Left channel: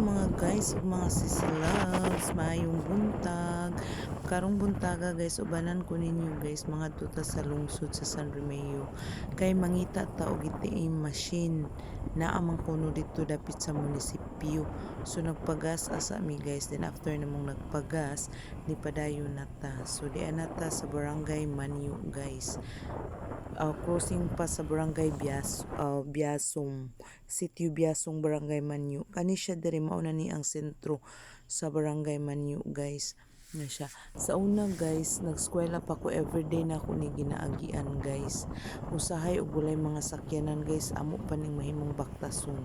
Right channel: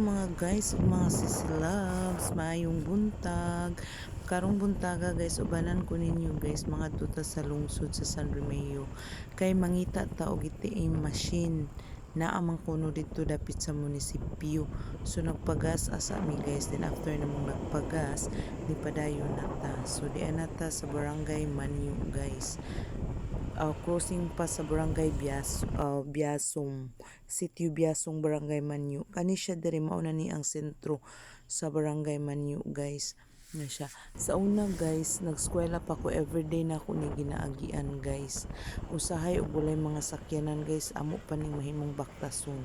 mga guys ug mga sisilabs, maayong buntag. Karong buntaga guys, ubanan ko ninyo guys mga tuta sa lungsod sa San Remeo. Kay mangita ta og ATM machine na amang kuno dito dapit sa munisipyo. So nagpagas asa mi guys, then after namong nagpagas, ni padayon nata. So di nata sa barangay Manyo guys. Crossing pa sa barangay Biasong, Sitio Biasong, barangay Manyo. Kani siya diri mao na ni ang sentro sa barangay Manyo guys. Na siya. Sa una guys, nagskwela pa ko, everyday na ako ni ginaagian guys. Usahay og walay mga sakyanan guys, amo pa ning mahimong baktason.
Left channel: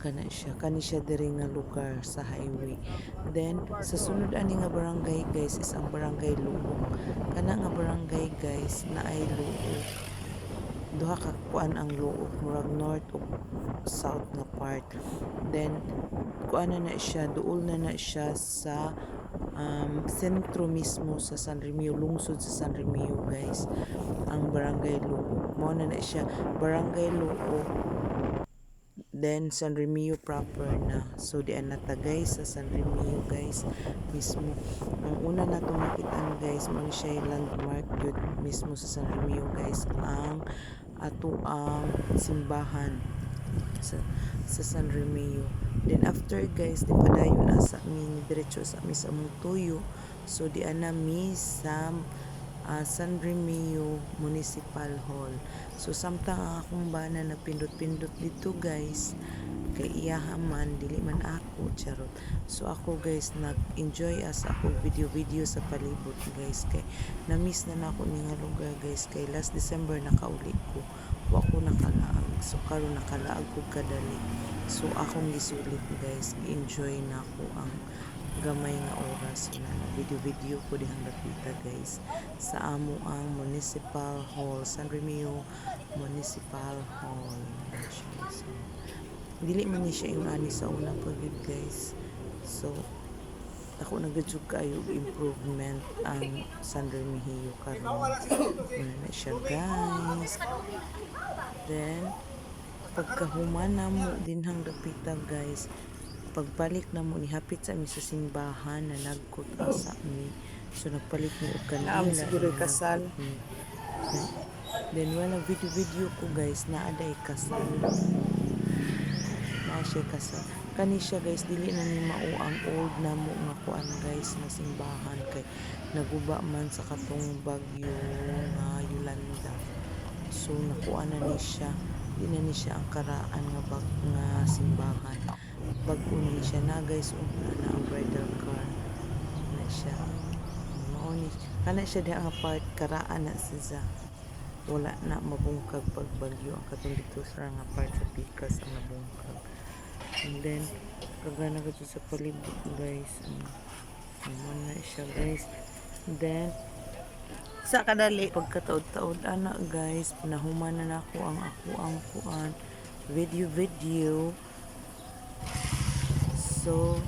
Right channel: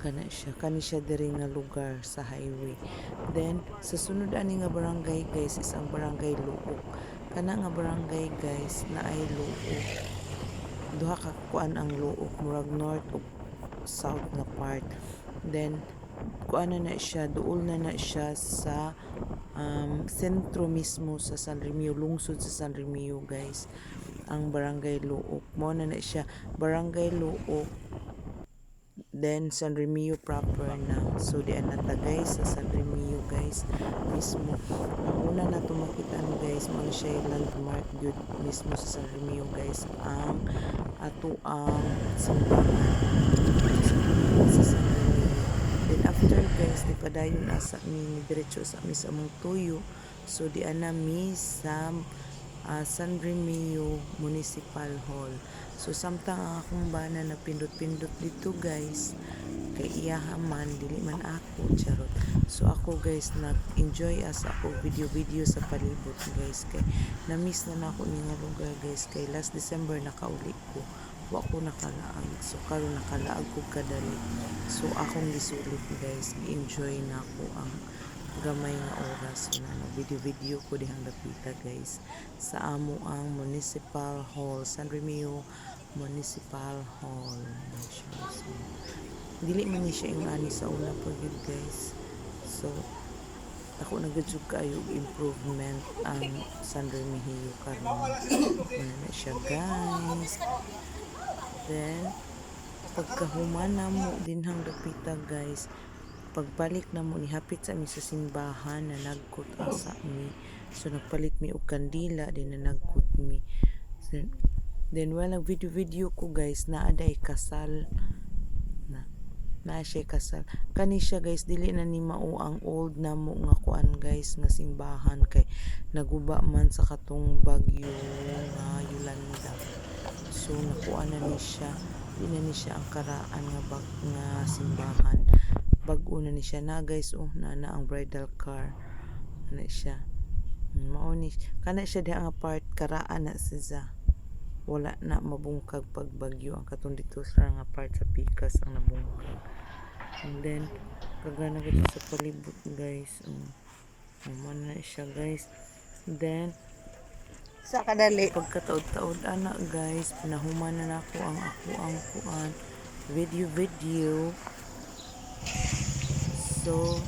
Kani siya diri nga lugar sa highway. Then sa sunod ani nga barangay guys is ang barangay Luok. Kana nga barangay guys na ay Luok, duha ka kuan ang Luok, murag north ug south nga part. Then kuan na siya, duol na siya sa sentro mismo sa San Remeo, lungsod sa San Remeo guys, ang barangay Luok. Mao na siya, barangay Luok, then San Remeo proper na. So di nata guys sa San Remeo guys mismo. Ang una na tumakitaan guys, mao ni siya landmark gyud mismo sa San Remeo guys, ang ato ang simbahan sa San Remeo. Then after guys, di padayon na sa mi diretso sa mi sa among tuyo. So di ana mi sa San Remeo Municipal Hall. So samtang ang akong bana na pindot-pindot dito guys, kay iyaha man dili man ako charot. So ako guys nag-enjoy as ako video sa palibot guys, kay na-miss na nako ni nga lugar guys, kay last December nakauli ko. Wa ko nakalaag. So karon nakalaag ko kadali. So akong gisulit guys, enjoy na ko ang gamay nga oras na video ko dihang dapita guys sa amo ang Municipal Hall, San Remeo Municipal Hall. So, dili man ni siya yung ani sa una po yun guys. So ako nagadyog kayo improvement ang San Remeo karon. Na siya guys. Then pagkahuman na mo dinhang dapita guys, pagbalik na mo ni hapit sa mi sa simbahan na nagkot asa mi. So nagpalit mi og kandila na nagkot mi. Then wala video ko guys na aday kasal. Na siya kasal. Kani siya guys, dili na ni mao ang old na mo nga kuan guys na simbahan, kay naguba man sa katong bagyo nga Yolanda. So nakuha na ni siya, di na ni siya ang karaan nga simbahan. Bago na ni siya na guys, na ang bridal car na siya. Mao ni kana siya di ang part karaan na siya. Wala na mabungkag pagbagyo ang katong dito sa nga part sa pikas ang nabungkag. And then kagana gid sa palibot guys. Mao na siya guys. Then Sa kadali. pagkataod-taod ana guys, pinahuman na nako ang kuan video. So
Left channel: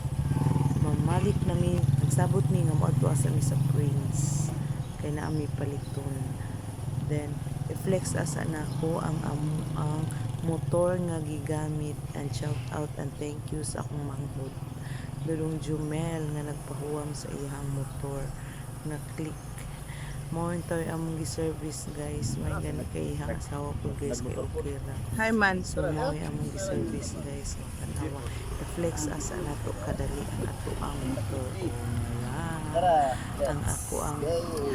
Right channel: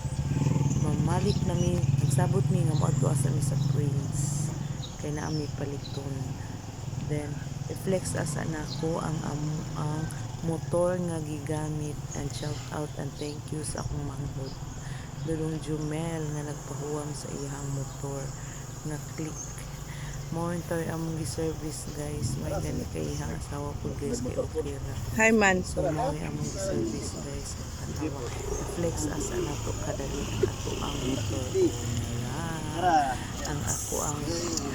mamalik na mi, nagsabot mi nga moadto asa mi sa Prince kay naa mi paliton. Then i-flex asa nako ang motor nga gigamit, and shout out and thank you sa akong manghod Dulong Jumel nga nagpahuwam sa iyang motor nga click. Monitor among gi-service guys, may gani kay ihang asawa ko guys, kay okay ra. Hi man. So mo among gi-service guys, so tanawa i-flex asa nato kadali ang ato ang motor. Ang ako ang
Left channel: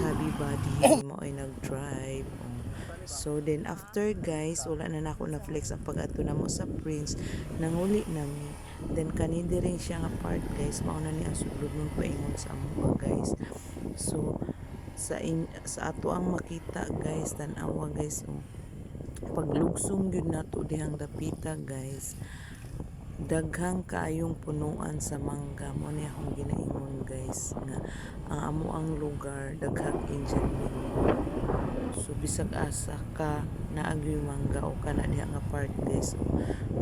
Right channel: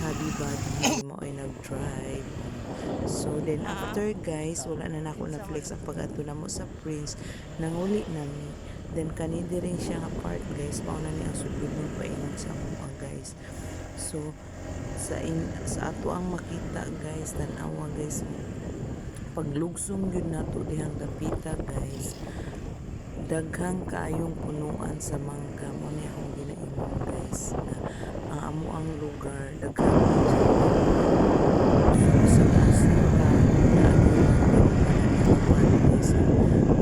hobby body mo ay nag-drive. So then after guys, wala na nako na flex ang pag-ato namo sa Prince, nanguli nami. Then kanindi rin siya nga part guys, mao na ni ang sudlod nun paingon sa amo guys. So sa ato ang makita guys, tanawa guys, paglugsong yun nato dihang dapita guys, daghang kaayong punuan sa mangga. Mo ni akong ginaingon guys na ang amo ang lugar daghang so sa asa ka na ang mangga o kana niya ang part guys.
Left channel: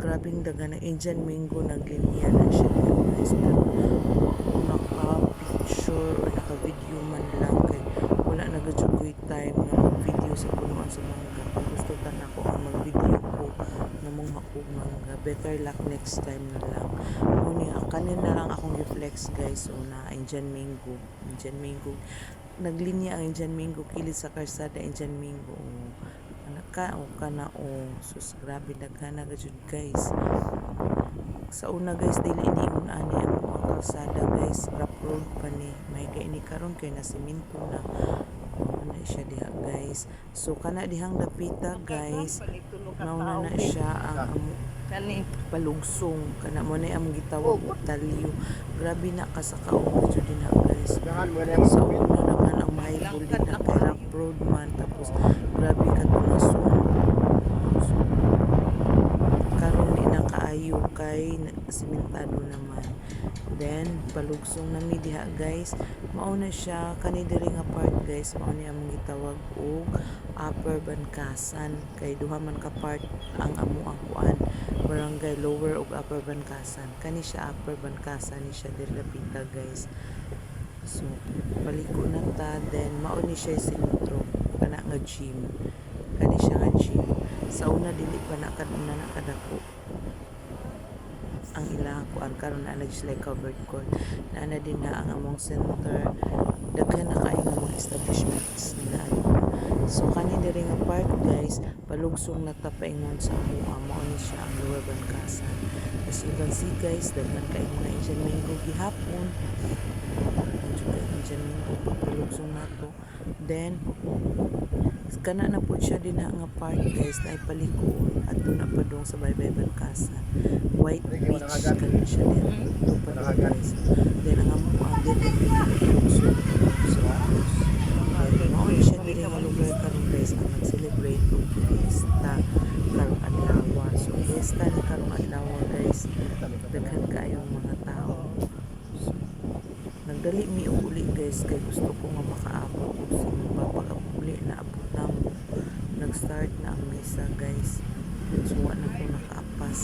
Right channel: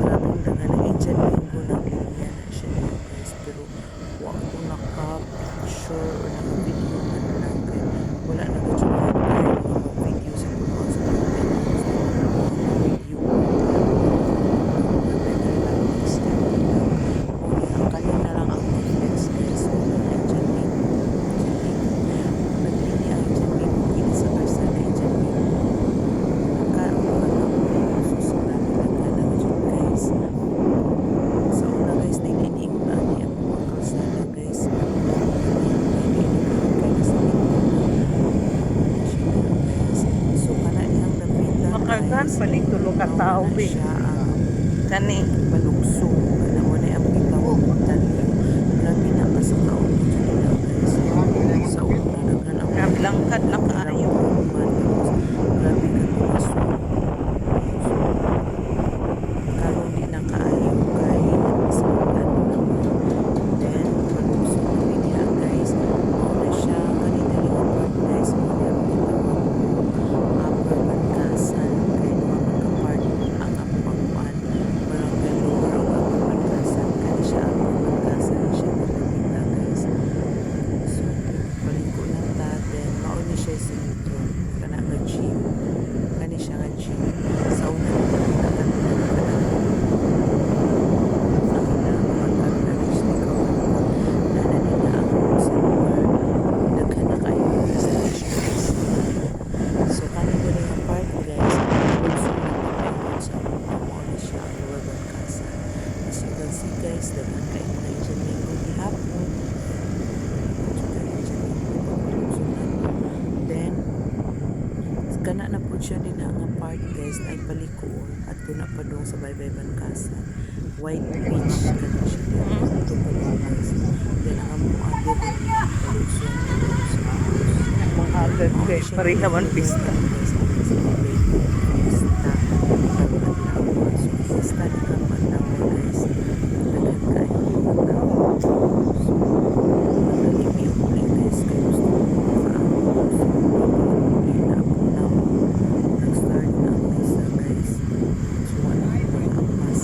Grabing daghan na dyan linggo ng linya na siya guys, pero wa ko naka picture or naka video man lang, kay wala nag-joke tayo ng mag-video sa punuan sa pagkakas. Gusto nga na ko ang video ko. Better lang next time na lang. Muli ang guys dili niingon ani ang mga kalsada guys upload pa niya kay ini karon kay nasa minto na na siya diha guys. So kana dihang dapita Makagan guys pa ni tulo ka mauna tao na be. siya ang Kani. palugsong kana mo na ang gitawag og taliw. Grabe na ka sa kaubo jud na guys. Sa una naman ang Naglangkad na kaayo. man tapos grabe ka tumasun. So, karon ni na kaayo kay nagsultan naman. Then palugsong na diha guys. Mao na siya kani diri nga part guys mo ni ang gitawag og Upper Bankasan kay duha man ka part ang among kuan barangay Lower ug Upper Bankasan kani siya Upper Bankasan siya diri bita guys. So paliko na ta then mao ni siya sentro kana nga gym kani siya nga gym sa una dito kana kanina nakadako ang ilang pagkaroon na nag-cover ko na din na ang among center daghan na kayo ng establishments na so kani diri nga part guys lugsong na ta paingon sa among amo ni siya ang Lower Bankasan. As you can see guys daghan kay mga Asian mango gihapon juga Asian mango pagpalugsong na to. Then kana na po siya din nga part guys na ipalikoon at doon na pa doon sa Baybay Bankasan White Beach kana siya din ito pa doon guys then ang among agad lugsong sa Mga agad be. Pareha man pista. guys celebrate fiesta karong adlaw so fiesta ni karong adlaw guys daghan kayo mga tao so nagdali mi uli guys kay gusto ko makaamon so papauli na po na mo nag-start na ang misa guys so wala ko nag-apas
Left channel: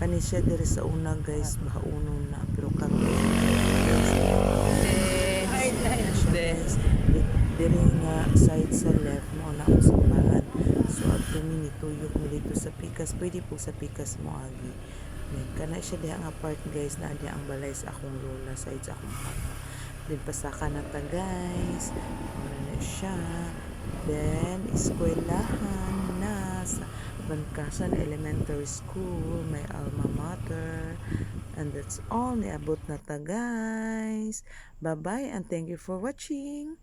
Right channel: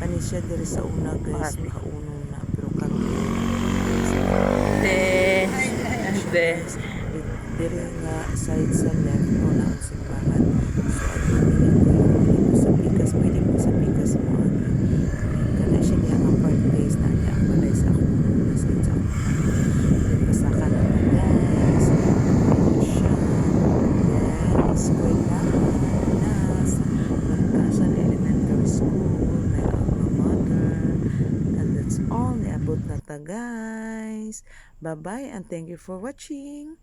kani siya diri sa una guys mahaunon na pero karon guys Des. diri nga side sa left mo na ang simbahan so at minito yung dito sa pikas pwede po sa pikas mo agi kana siya diha nga part guys na niya ang balay sa akong room na side sa akong kwarto then pasaka na ta guys ano siya then eskwelahan na sa Bankasan Elementary School may alma mater and that's all niabot na ta guys. Bye bye and thank you for watching.